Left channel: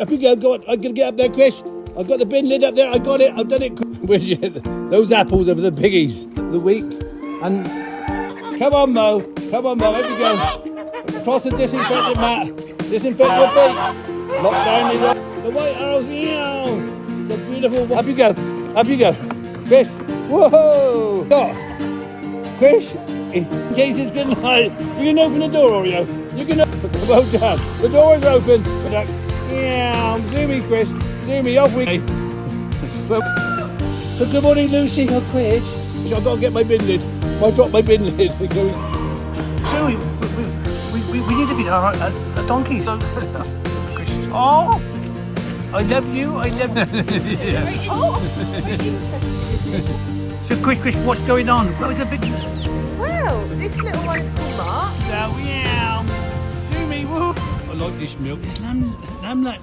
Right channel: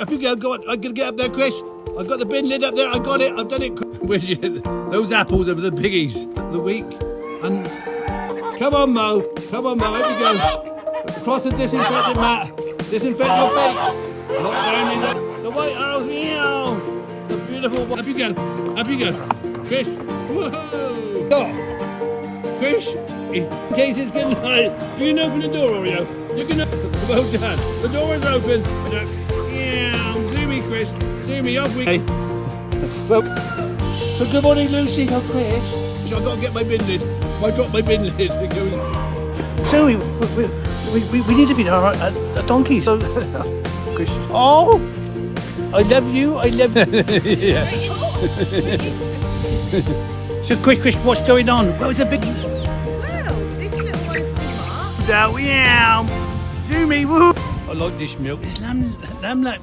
Up you go. Go on. I'm gonna get up there, Chris. I've got the bin lid up there. I got it. I've done it. Where'd you get those apples are the piggies of the week. And come on, Mo. Come on, Mo. Up you go. Across the disinfectant mat. Disinfect your feet. Lock down the white arrows. Meow. The beautiful. Up you go. Up you go. Chris. Whoa. Oh. Chris. In case it's getting hot, you can open the door, Oreo. You can open. Well done. The door is open. Yeah, zoomy, Chris. Zoomy, off we go. So good morning, Lucy. Oh, Chris. So I've got to get my bin lid. I dropped my bin lid. Zoomy, we need to be a donkey. So, Chris. Oh, I love you. I love you. So, Chris, what's going on? What's a big... This little one is called Mark. Meow. Zoomy, woo. I like this milk. It's lamb like milk.